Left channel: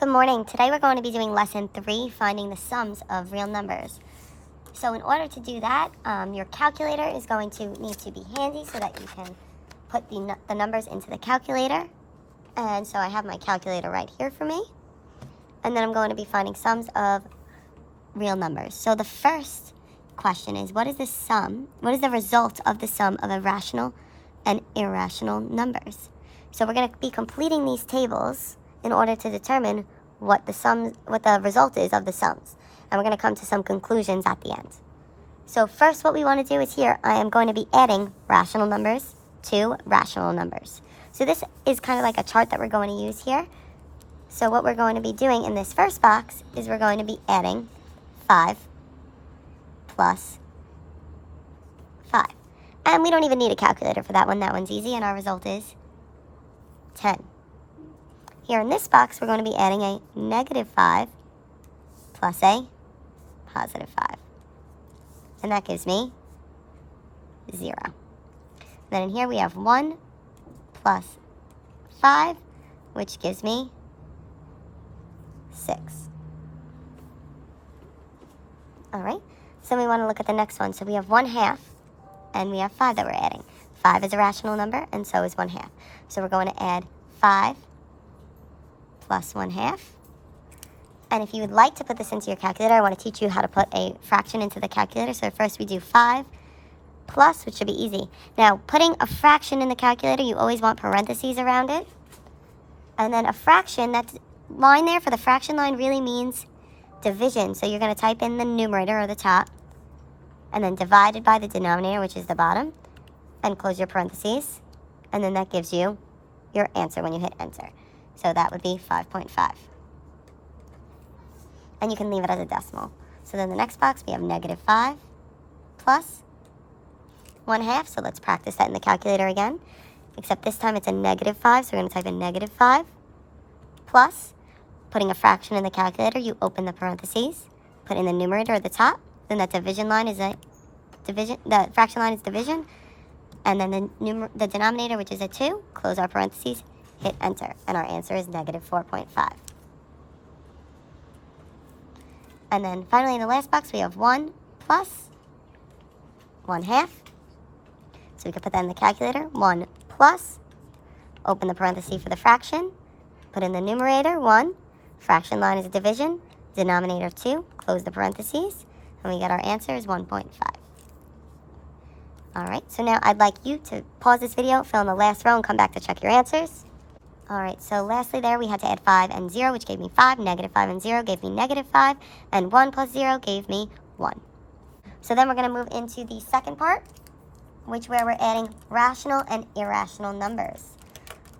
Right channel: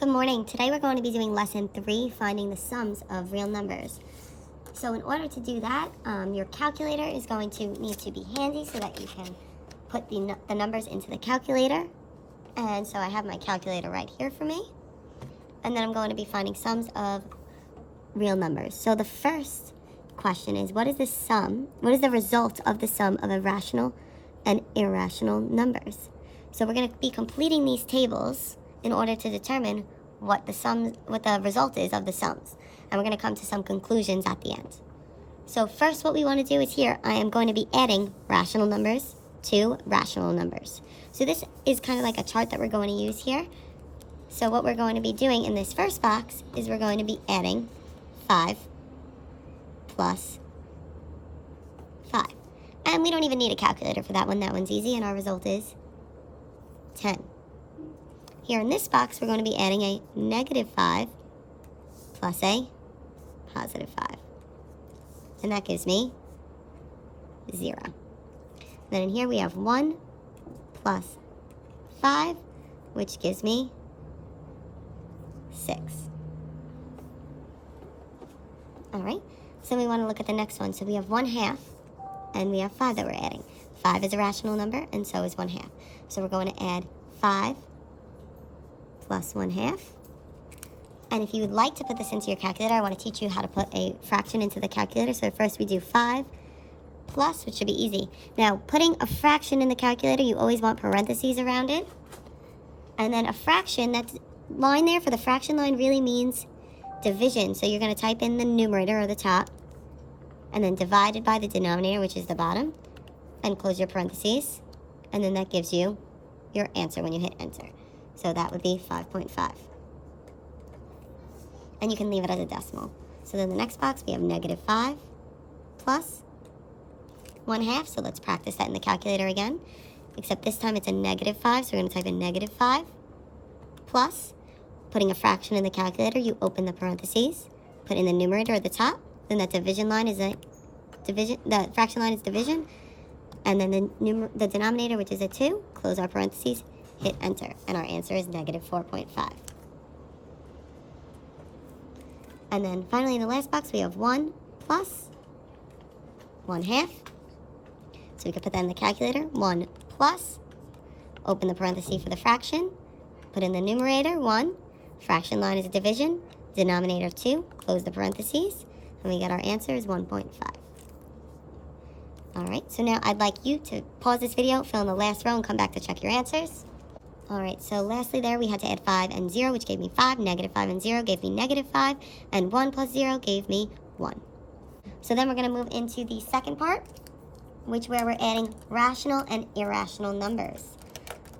Good morning. Today we're going to be doing lesson 3, finding the sums of real numbers. So in order to do that, your calculator is going to need to be handy so that you can put the numbers into the calculator. And so I have my calculator right here for me. And then I'm going to be finding sums of real numbers. So the first question is, what is the result of the sum of irrational and irrational numbers? So we're going to be completing these tables in order to determine what the result is of the sums. And we're going to come to some conclusions at the end. So first, what we want to do is here, I am going to be adding rational numbers to rational numbers. So this is kind of like a chart that we're going to use here. So what we're going to be doing in this first box is we're going to be adding 5 plus 5. And we don't even need a calculator for that one. That one's easy, and our result is 10. Here in this box, we're going to be adding a negative 5 plus a positive 5. And that gives me 0. Then in here we have 1 plus 5, which gives me 6. All right, so we want to look at the next one. So we have 1/2, and we have 5 that we're adding. 5 is a rational number, and so is 1/2. So we're going to add 5 plus 1/2. And if you would like to put this into your calculator, I want to teach you how to put a fraction into the calculator. So first we do 5 plus, which should be easy. Now, putting a fraction in the calculator, you always want parentheses around it. And then a fraction, that line there for the fraction line really means division. So you're going to type in the numerator or the top, and then divided by the denominator, which is the bottom, and close your parentheses. And then that gives you your answer when you hit enter. So that would be 5.5. And you can leave it as a decimal. So then the next box, we have negative 5 plus 1/2. So let's practice that in the calculator again. Except this time it's a negative 5, so we're going to type in negative 5 plus, putting a fraction in the calculator, you open the parentheses, put in the numerator at the top, then that division line is the fraction line is division, and then the denominator, which is a 2, close our parentheses, hit enter, and our answer is negative 4.5. And then finally in the last box, we have 1 plus 1/2. So we could put that in the calculator. 1 plus, open the parenthesis for the fraction, put in the numerator, 1, fraction line is division, denominator 2, close the parentheses, and we get our answer is 1.5. All right, so now I'd like you to pause this video, fill in the last row, and come back to check your answers. All right, so lastly there, we had to add 5 and 0, which gave me 5. Negative 5 and 0 gave me negative 5. And 1 plus 0 gave me 1. So then we're going to move into the second part, where we're adding rational and irrational numbers.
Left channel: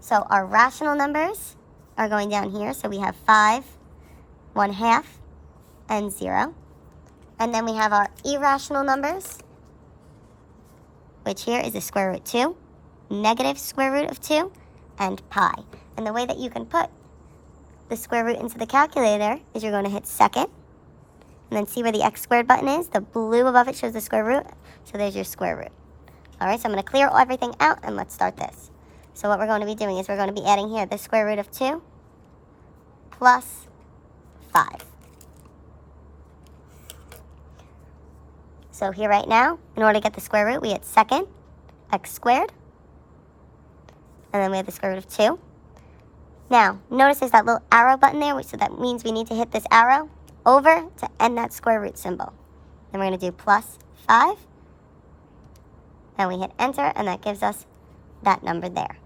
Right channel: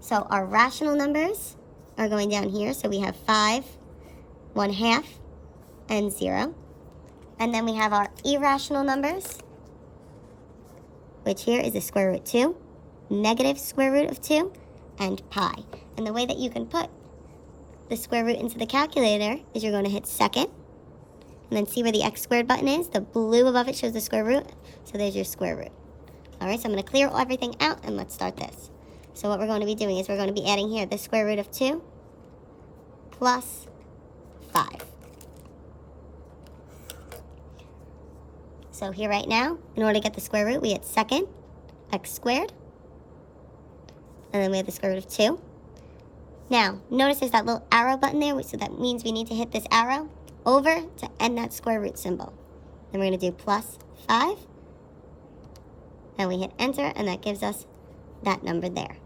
So our rational numbers are going down here. So we have 5, 1/2, and 0. And then we have our irrational numbers, which here is the square root 2, negative square root of 2, and pi. And the way that you can put the square root into the calculator is you're going to hit second, and then see where the x squared button is. The blue above it shows the square root, so there's your square root. All right, so I'm going to clear everything out, and let's start this. So what we're going to be doing is we're going to be adding here the square root of 2 plus 5. So here right now, in order to get the square root, we hit second, x squared, and then we have the square root of 2. Now, notice there's that little arrow button there, so that means we need to hit this arrow over to end that square root symbol. Then we're going to do plus 5, and we hit enter, and that gives us that number there.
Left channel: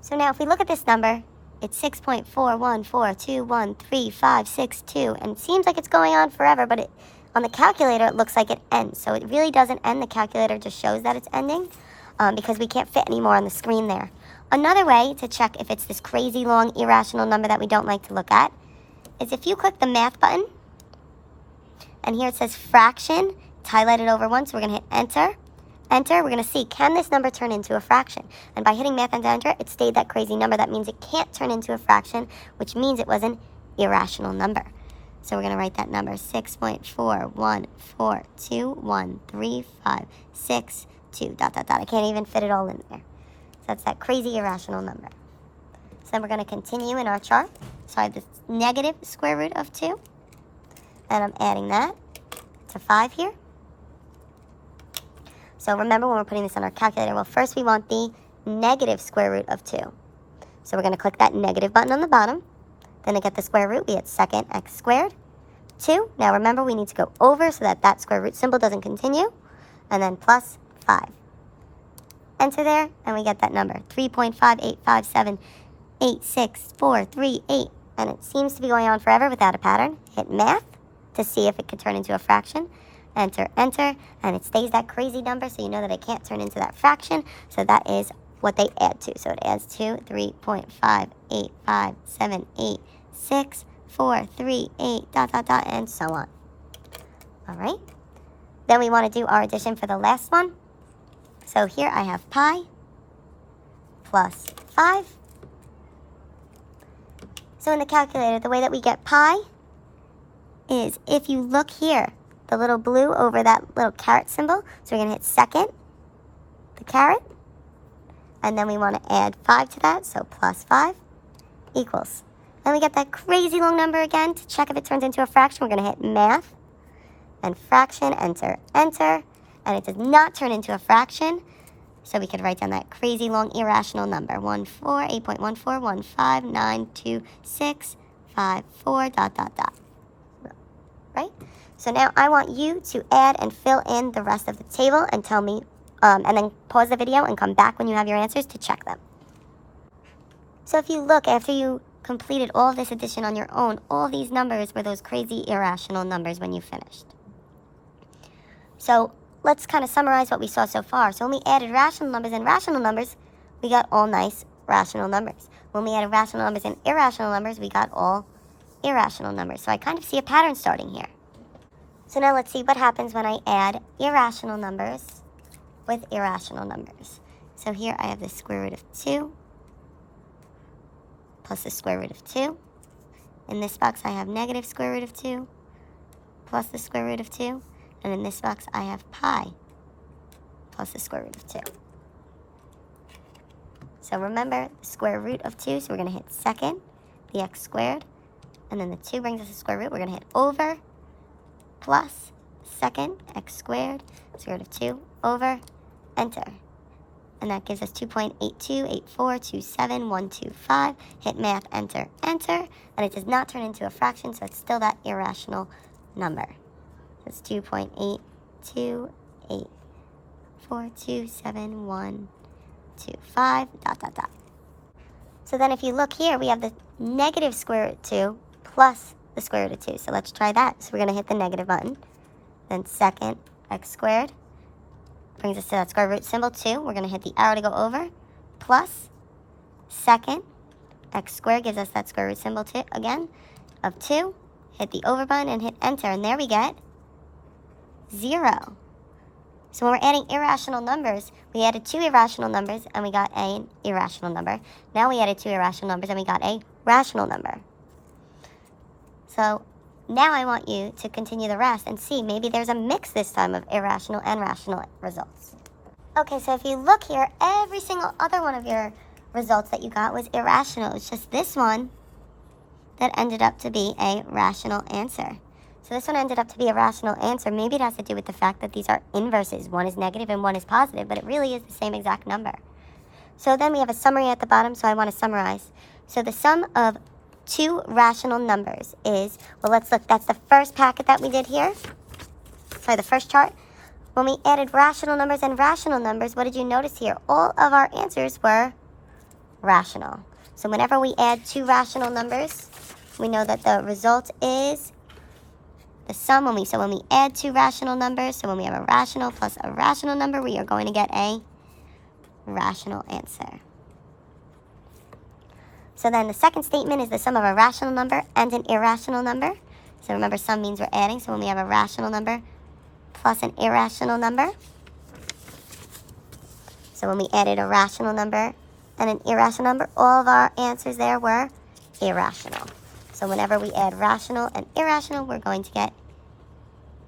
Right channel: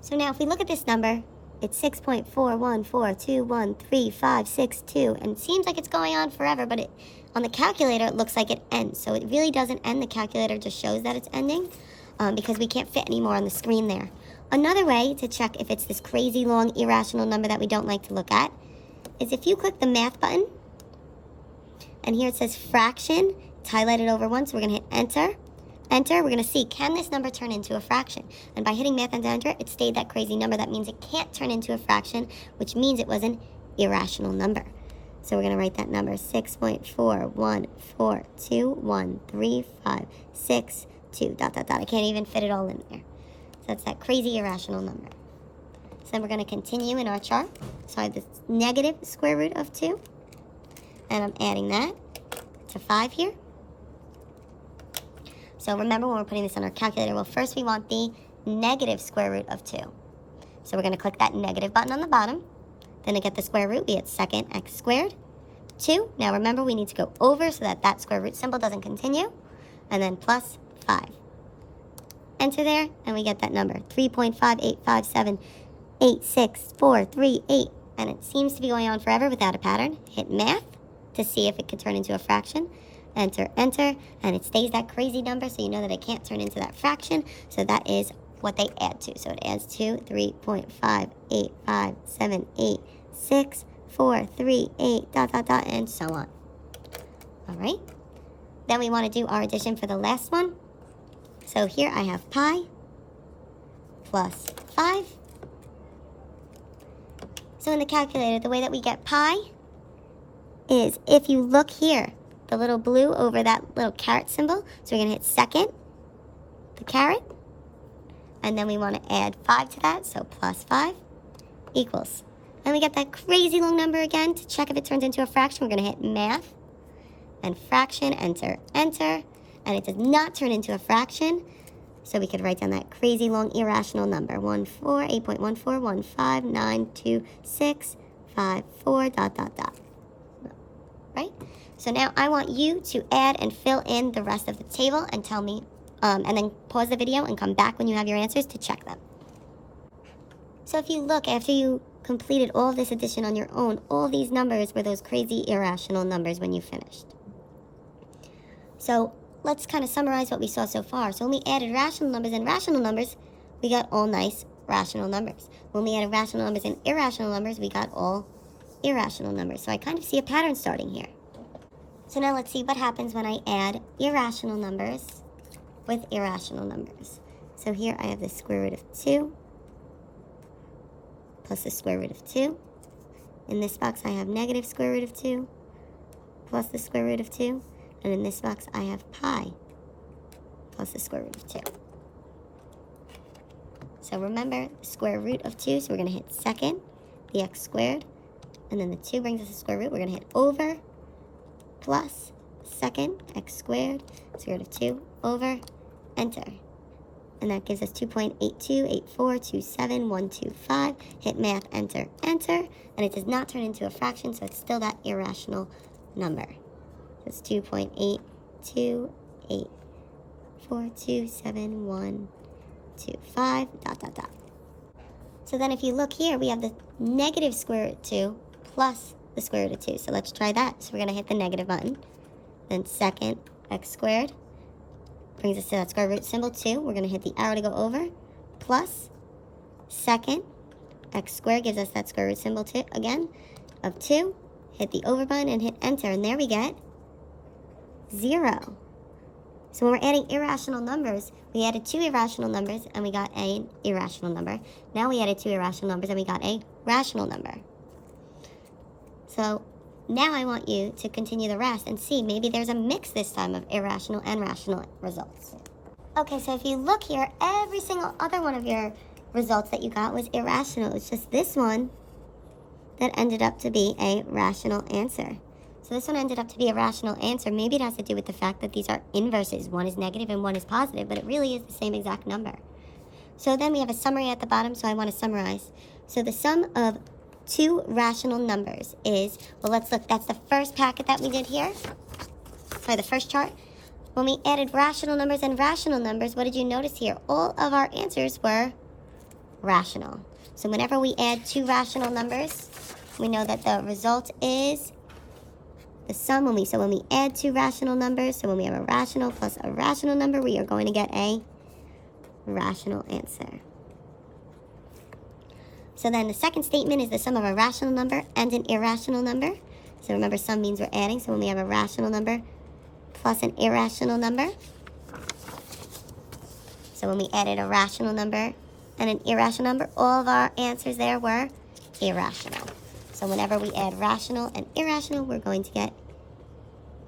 So now if we look at this number, it's 6.414213562, and it seems like it's going on forever, but on the calculator it looks like it ends. So it really doesn't end. The calculator just shows that it's ending because we can't fit any more on the screen there. Another way to check if it's this crazy long irrational number that we don't like to look at is if you click the math button, and here it says fraction, it's highlighted over once, so we're going to hit enter. Enter, we're going to see, can this number turn into a fraction? And by hitting math and enter, it stayed that crazy number. That means it can't turn into a fraction, which means it was an irrational number. So we're going to write that number, 6.414213562, ... I can't even fit it all in there. So that's that crazy irrational number. So then we're going to continue in our chart. So I have the negative square root of 2. And I'm adding that to 5 here. So remember when we're putting this on our calculator, well, first we want the negative square root of 2. So we're going to click that negative button on the bottom. Then to get the square root, we hit second x squared. 2. Now remember, we need to go over so that that square root symbol doesn't continue. And then plus 5. Enter there, and we get that number, 3.585786438. And it seems to be going on forever without a pattern. Hit math to see if it could turn into a fraction. Enter, enter, and it stays that crazy number, so you know that it can't turn into that fraction. So that is what they add to. So it adds to 3.585764438, ... and so on. All right. Then we want to do our addition for the last one. So here I have pi plus 5. So in the calculator, the way that we get pi is if you look here, the little blue over that little caret symbol. So we're going to hit second, the caret, and then we want to add 5 to that, so plus 5 equals. And we get that crazy long number again. To check if it turns into a fraction, we're going to hit math and fraction, enter, enter, and it does not turn into a fraction. So we could write down that crazy long irrational number, 8.14159265 ... Right? So now I want you to add and fill in the rest of the table and tell me, and then pause the video and come back when you have your answers to check them. So if you look, after you completed all of this addition on your own, all these numbers were those crazy irrational numbers when you finished. So let's kind of summarize what we saw so far. So when we added rational numbers and rational numbers, we got all nice rational numbers. When we added rational numbers and irrational numbers, we got all irrational numbers. So I kind of see a pattern starting here. So now let's see what happens when I add irrational numbers with irrational numbers. So here I have the square root of 2 plus the square root of 2. In this box I have negative square root of 2 plus the square root of 2. And in this box I have pi plus the square root of 2. So remember, the square root of 2, so we're going to hit second, the x squared. And then the 2 brings us the square root. We're going to hit over, plus second x squared, square root of 2, over, enter. And that gives us 2.828427125. Hit math, enter, enter. And it does not turn into a fraction, so it's still that irrational number. It's 2.828427125, ... So then if you look here, we have the negative square root of 2 plus the square root of 2. So let's try that. So we're going to hit the negative button. Then second x squared brings us to that square root symbol, 2. We're going to hit the arrow to go over. Plus second x squared gives us that square root symbol again of 2. Hit the over button and hit enter. And there we get 0. So when we're adding irrational numbers, we added 2 irrational numbers and we got an irrational number. Now we added 2 irrational numbers and we got a rational number. So now I want you to continue the rest and see maybe there's a mix this time of irrational and rational results. Okay, so if you look here, every single other one of your results that you got was irrational. It's just this one that ended up to be a rational answer. So this one ended up to be a rational answer. Maybe it has to do with the fact that these are inverses. One is negative and one is positive, but it really is the same exact number. So then we have a summary at the bottom, so I want to summarize. So the sum of 2 rational numbers is, well, let's look. That's the first packet that we did here. Sorry, the first chart. When we added rational numbers and rational numbers, what did you notice here? All of our answers were rational. So whenever we add 2 rational numbers, we know that the result is the sum. When we add 2 rational numbers, so when we have a rational plus a rational number, we are going to get a rational answer. So then the second statement is the sum of a rational number and an irrational number. So remember, sum means we're adding. So when we have a rational number plus an irrational number, so when we added a rational number and an irrational number, all of our answers there were irrational. So whenever we add rational and irrational, we're going to get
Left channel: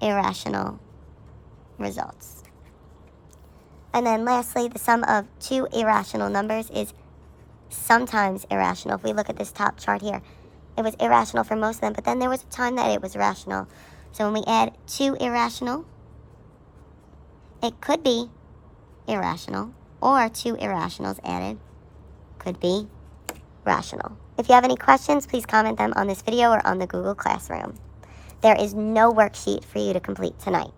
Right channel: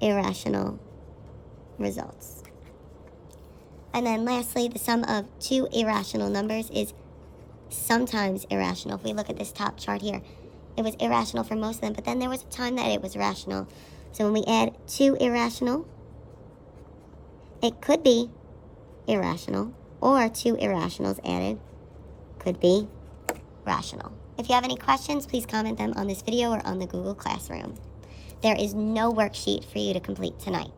irrational results. And then lastly, the sum of 2 irrational numbers is sometimes irrational. If we look at this top chart here, it was irrational for most of them, but then there was a time that it was rational. So when we add 2 irrational, it could be irrational, or 2 irrationals added could be rational. If you have any questions, please comment them on this video or on the Google Classroom. There is no worksheet for you to complete tonight.